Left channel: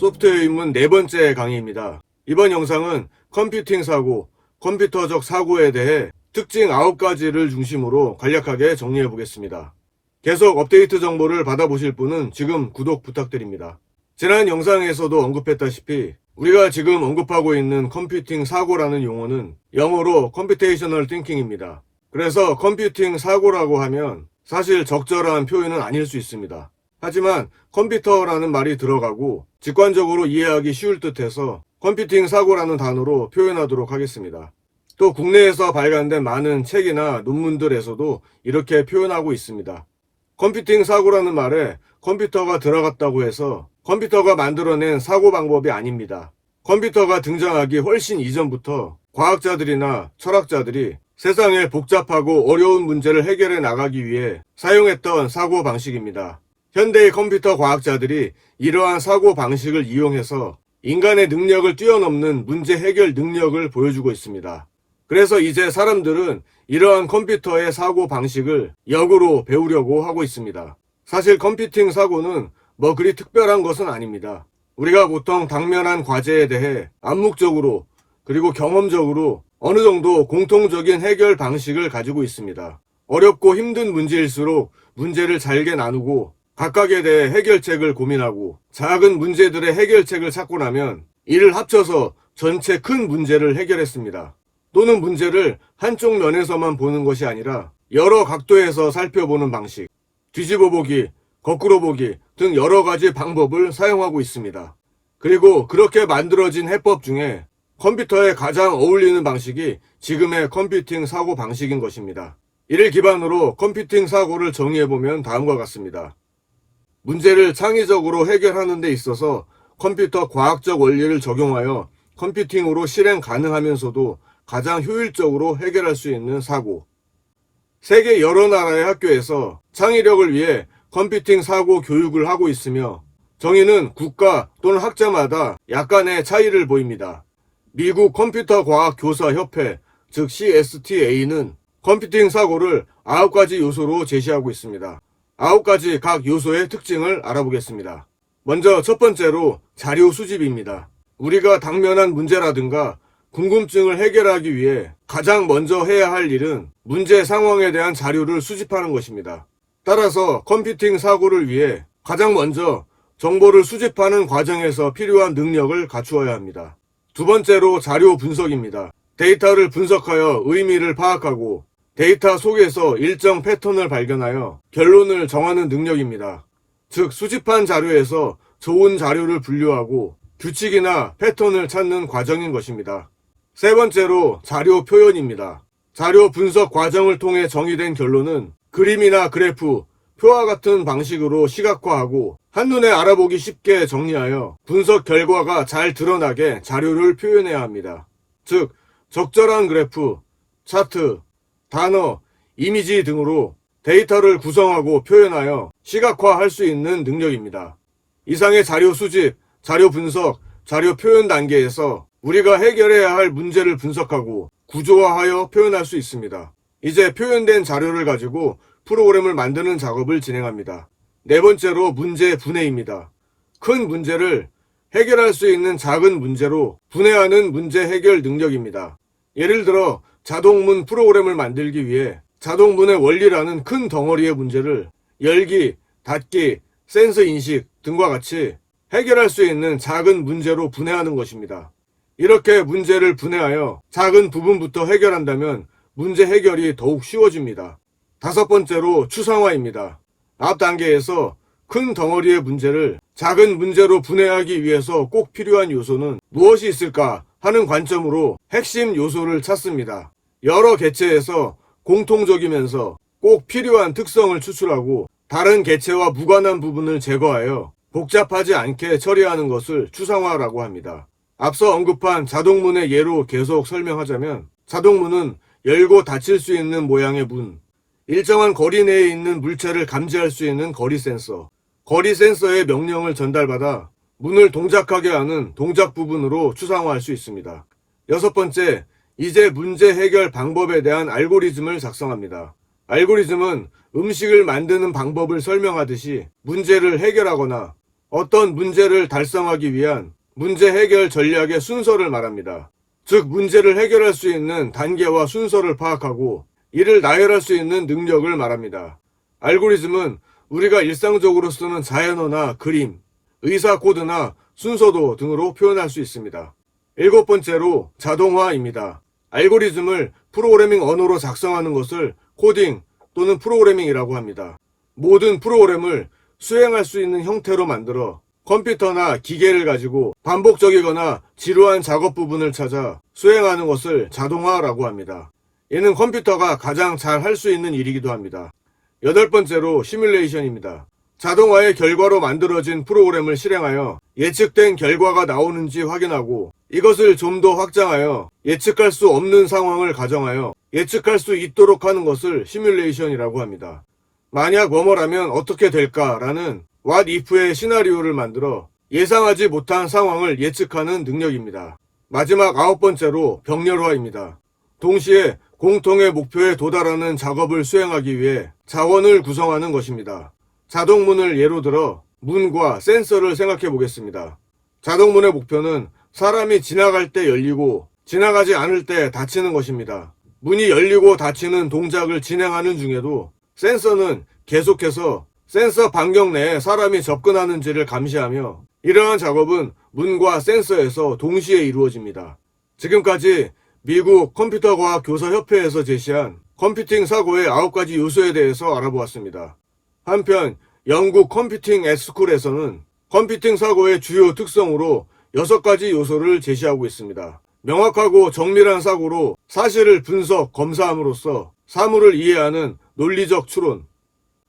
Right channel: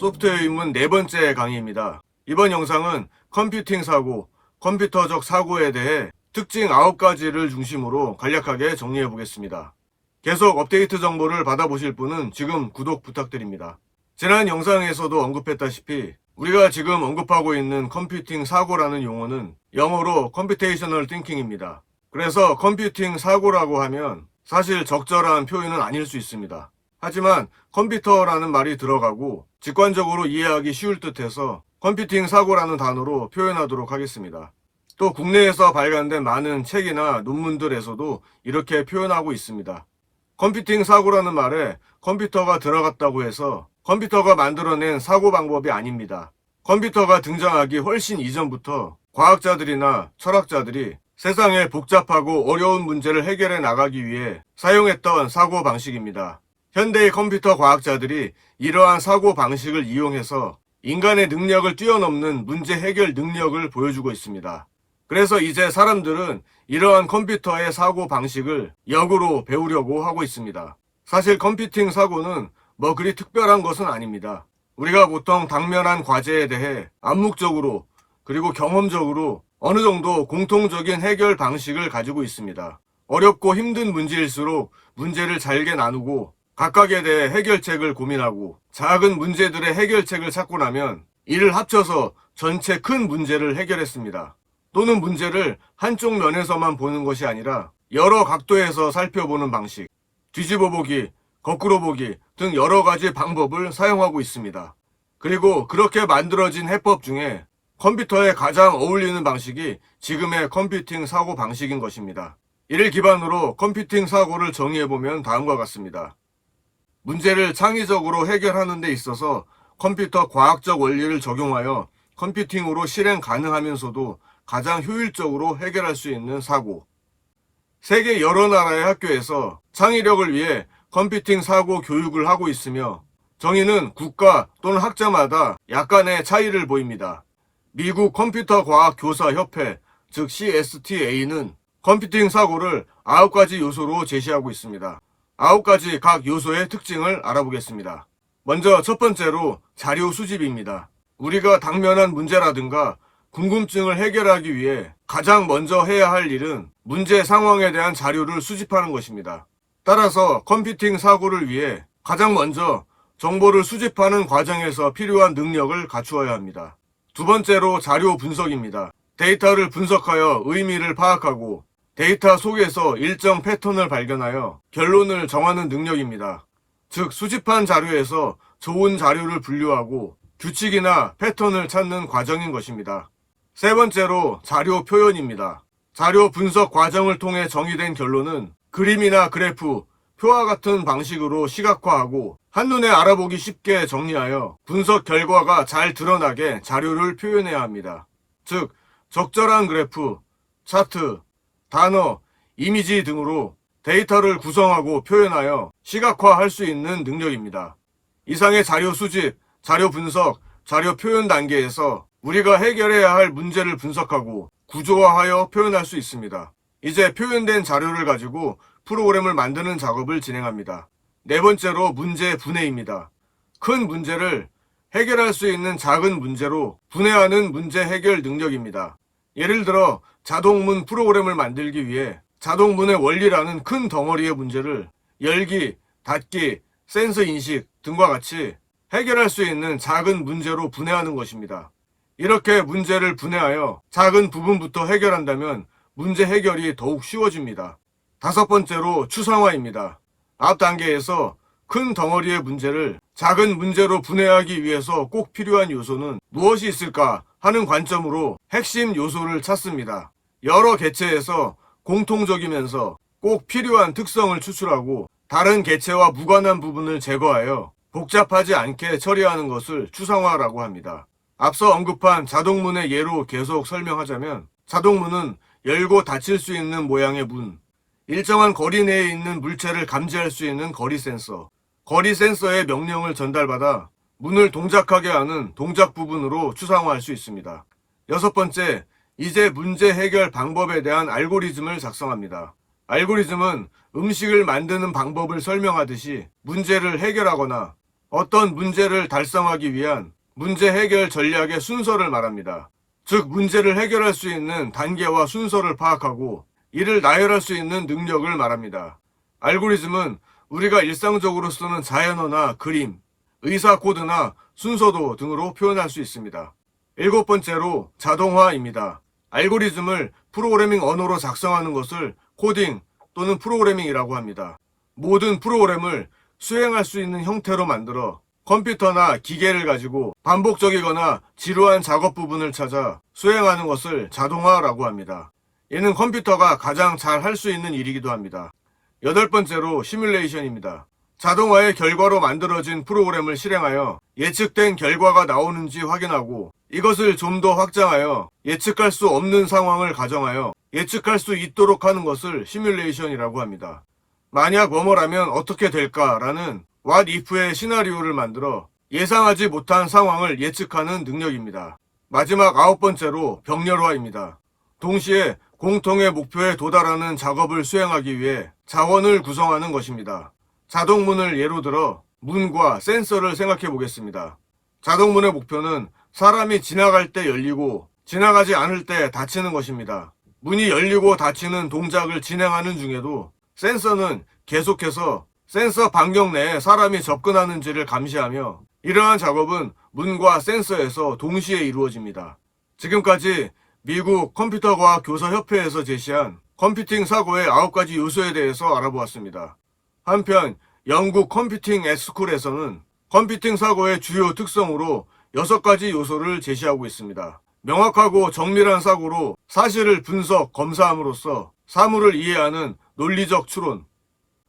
소프트웨어 입문 네 번째 강의입니다. 이번 영상은 컴퓨팅 사고, 컴퓨터적 사고에 대해 특징 9가지를 중심으로 간략하게 정리해 보겠습니다. 계속 업데이트 정보를 받아보실 분은 지금 구독 부탁드립니다. 지난 영상에서도 언급했다시피 우리가 지금 언급하고 있는 컴퓨팅 사고라는 용어는 영어로 컴퓨테이셔널 띵킹입니다. 그래서 컴퓨팅 사고라고 하면 사실 적절한 표현은 아닐 수 있습니다. 하지만 컴퓨터라는 말이 들어가고 직관적으로 이해하기 쉬울 듯해서 컴퓨팅 사고라는 단어로 표현하도록 하겠습니다. 또 국내에서 발간된 많은 책이나 논문들에서도 이렇게 표현하고 있습니다. 컴퓨팅 사고라는 말에 컴퓨터가 들어갔다고 해서 컴퓨터가 만들어낸 사고 방법이 아닙니다. 컴퓨터가 등장하기 훨씬 이전부터 과학자들이나 철학자들이 세상의 복잡하고 어려운 문제를 해결해 나가기 위해 사용했던 사고 방식입니다. 현대의 컴퓨터 과학자들이 이러한 사고 방식을 이용해서 인간의 능력을 뛰어넘는 문제 해결 능력을 보여주고 있습니다. 그래서 이제 사람들은 이러한 컴퓨터의 사고 방식을 역으로 배우려고 하고 있습니다. 사실 컴퓨팅 사고는 뭐 그리 특별한 것은 아닙니다. 우리가 보통 당면한 과제에 대해 암묵적으로 그리고 경험적으로 어느 정도 공통적인 해결 방식을 가지고 있습니다. 어렵고 힘든 문제일수록 문제를 잘게 나누고 각각에 대해 해결책을 고민하고 작은 문제들의 해결책을 찾고 나면 이를 합쳐서 전체 큰 문제를 해결했습니다. 또는 문제를 한쪽 면에서만 보는 것이 아니라 여러 각도에서 살펴보는 방식, 뒤집어 보기, 거꾸로 보기 등 여러 가지 방법을 사용하고 있습니다. 그리고 그렇게 만들어진 해법 중에 컴퓨터에 가장 어울리는 방식이 지금의 컴퓨팅 사고 방식인 것입니다. 이를 기반으로 컴퓨팅 사고를 정의해보면 다음과 같습니다. 문제를 창의적으로 해결하는 데 있어서 컴퓨터 과학적 원리를 적용하여 컴퓨팅으로 실행 가능하면서도 가장 효율적으로 해결할 수 있는 사고. 세계 여러 나라의 학교에서 창의력을 위해 컴퓨팅 사고 교육을 하고 있으며 정의는 국가 또는 학자마다 약간의 차이를 보입니다. 미국 컴퓨터 과학 교사 협회, 즉 CSTA는 컴퓨팅 사고를 9가지 요소로 제시하고 있습니다. 9가지 각 요소의 특징을 알아보겠습니다. 먼저 첫 번째로 자료 수집입니다. 우리가 당면한 문제라든가 궁금증을 해결하기 위해 가장 먼저 해야 할 일은 문제 상황에 대한 자료를 수집하는 것입니다. 따라서 컴퓨팅 사고를 위해 가장 먼저 정보를 수집하는 과정에서 필요한 능력을 갖추어야 합니다. 두 번째로 자료 분석입니다. 데이터를 분석하여 의미를 파악하고 데이터 속에서 일정 패턴을 발견하여 결론을 정하는 능력입니다. 즉, 수집한 자료에서 좋은 자료를 분류하고 규칙이나 패턴을 찾는 과정인 것입니다. 세 번째로 자료 표현입니다. 자료 분석 과정을 통해 정의된 결론은 그림이나 그래프, 표와 같은 방식으로 시각화하고 한눈에 알아보기 쉽게 정리하여 분석 결과가 잘 드러나게 자료를 표현해야 합니다. 즉, 적절한 그래프, 차트, 단어, 이미지 등으로 데이터를 구성하고 표현하여 시각화할 수 있는 능력입니다. 이상의 자료 수집, 자료 분석, 자료 표현 단계에서 우리가 해결해야 할 문제를 분석하고 구조화하여 표현할 수 있습니다. 이제 표현된 자료를 가지고 프로그램을 만드는 작업을 진행합니다. 네 번째로 문제 분해입니다. 큰 문제를 해결할 수 있는 작은 문제로 분해하는 문제 해결 능력입니다. 예를 들어 자동문 프로그램을 만들기 위해 자동문의 원리라는 큰 덩어리의 문제를 열기, 닫기, 센서 인식 등과 같이 해결할 수 있는 작은 문제로 분해하는 것입니다. 이렇게 문제를 분해하여 작은 부분부터 해결한다면 문제 해결이 더욱 쉬워집니다. 다섯 번째로 추상화입니다. 앞 단계에서 큰 덩어리의 문제를 작은 문제로 분해하기 위해서 꼭 필요한 요소는 무엇이 있을까 하는 관점으로 핵심 요소를 찾습니다. 여러 개체에서 공통적이면서 꼭 필요한 특성을 추출하고 다른 개체와 무관한 부분을 제거하여 복잡하지 않게 처리하는 것을 추상화라고 합니다. 앞서 언급한 자동문의 예로 계속 설명하자면 자동문은 열고 닫힐 수 있는 모양의 문, 일정한 거리 내에 있는 물체를 감지할 수 있는 거리 센서, 거리 센서의 명령을 전달받아 문을 동작하게 하는 동작 부분으로 추상화할 수 있습니다. 여섯 번째, 이제 문제 해결 방법에 대한 알고리즘을 작성합니다. 알고리즘은 음식을 만드는 방법을 설명하듯이 문제를 해결하거나 어떤 문제를 달성하기 위한 문제 해결 전략의 순서를 말합니다. 즉, 문제를 해결할 수 있는 단계와 순서를 파악하고 이를 나열할 수 있는 능력을 말합니다. 알고리즘은 우리가 일상적으로 쓰는 자연어나 그림, 의사 코드나 순서도 등으로 표현할 수 있습니다. 일곱 번째로 자동화입니다. 알고리즘을 프로그래밍 언어로 작성하는 것을 코딩 또는 프로그래밍이라고 합니다. 모든 프로그램을 수행할 수 있는 형태로 만들어 컴퓨터나 기계를 가지고 반복적이거나 지루한 작업 부분을 찾아 수행하는 것을 자동화라고 합니다. 얘는 컴퓨터가 가장 잘 할 수 있는 일이기도 합니다. 여덟 번째로 시뮬레이션입니다. 자동화의 결과로 만들어진 프로그램을 실행하여 예측된 결과가 나오는지 확인하고 이것을 좀 더 확장하여 예측할 수 없는 상황을 가정하여 예측할 수 있도록 하는 것을 시뮬레이션이라고 합니다. 만약 뭐뭐라면 어떻게 될까라는 what if의 시나리오를 만들어 예상하지 못한 상황을 예측하는 능력입니다. 마지막 아홉 번째로 병렬화입니다. 동시에 공통의 목표에 도달하는 작업을 수행하기 위해 자원을 구성하는 것입니다. 자동문을 예로 들어 문과 센서를 생각해 보겠습니다. 자동문의 목표는 사람이 지나갈 때 열리고 지나가지 않을 때 닫히는 것입니다. 문이 열리고 닫히는 동작을 진행하는 중에도 센서는 계속해서 센서 반경 내에 사람이 접근하는지를 감시하며 이러한 작업은 문과 센서에서 동시에 이루어집니다. 지금까지 미국 컴퓨터과학 교사협회에서 제시한 컴퓨팅 사고의 9가지 요소에 대해서 알아보았습니다. 한편 영국 컴퓨팅 에스쿨에서는 컴퓨팅 사고의 주요 특성으로 6가지 요소를 제시하고 있습니다. 명확하고 정밀한 사고로 사실을 분석, 검사함으로써 사물을 이해하는 논리적 추론,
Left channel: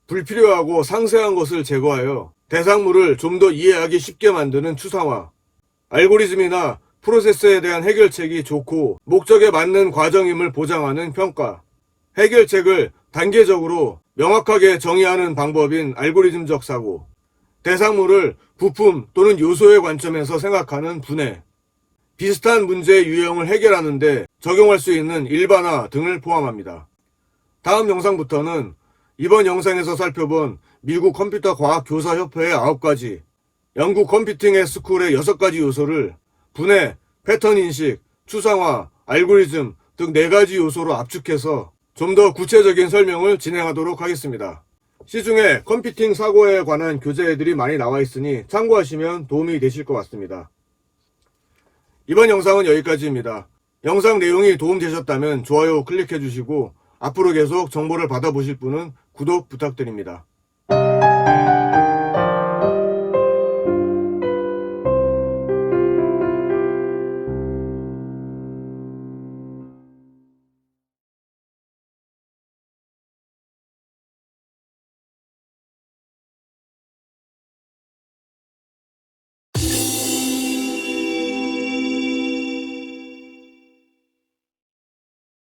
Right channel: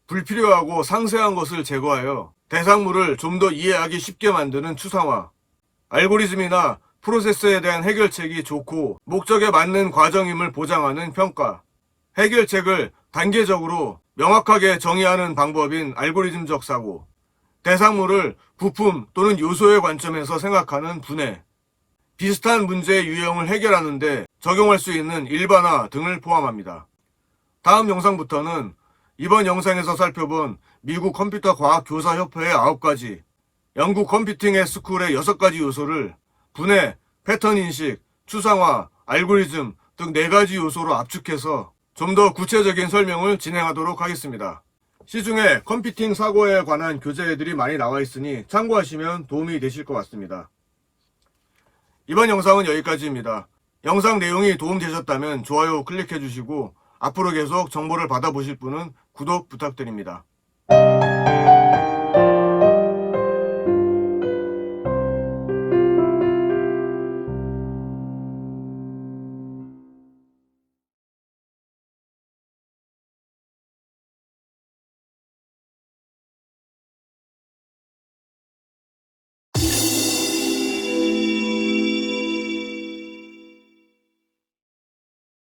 불필요하고 상세한 것을 제거하여 대상물을 좀 더 이해하기 쉽게 만드는 추상화, 알고리즘이나 프로세스에 대한 해결책이 좋고 목적에 맞는 과정임을 보장하는 평가, 해결책을 단계적으로 명확하게 정의하는 방법인 알고리즘적 사고, 대상물을 부품 또는 요소의 관점에서 생각하는 분해, 비슷한 문제의 유형을 해결하는데 적용할 수 있는 일반화 등을 포함합니다. 다음 영상부터는 이번 영상에서 살펴본 미국 컴퓨터 과학 교사 협회의 9가지, 영국 컴퓨팅의 스쿨의 6가지 요소를 분해, 패턴 인식, 추상화, 알고리즘 등 4가지 요소로 압축해서 좀 더 구체적인 설명을 진행하도록 하겠습니다. 시중에 컴퓨팅 사고에 관한 교재들이 많이 나와 있으니 참고하시면 도움이 되실 것 같습니다. 이번 영상은 여기까지입니다. 영상 내용이 도움되셨다면 좋아요 클릭해 주시고 앞으로 계속 정보를 받아보실 분은 구독 부탁드립니다.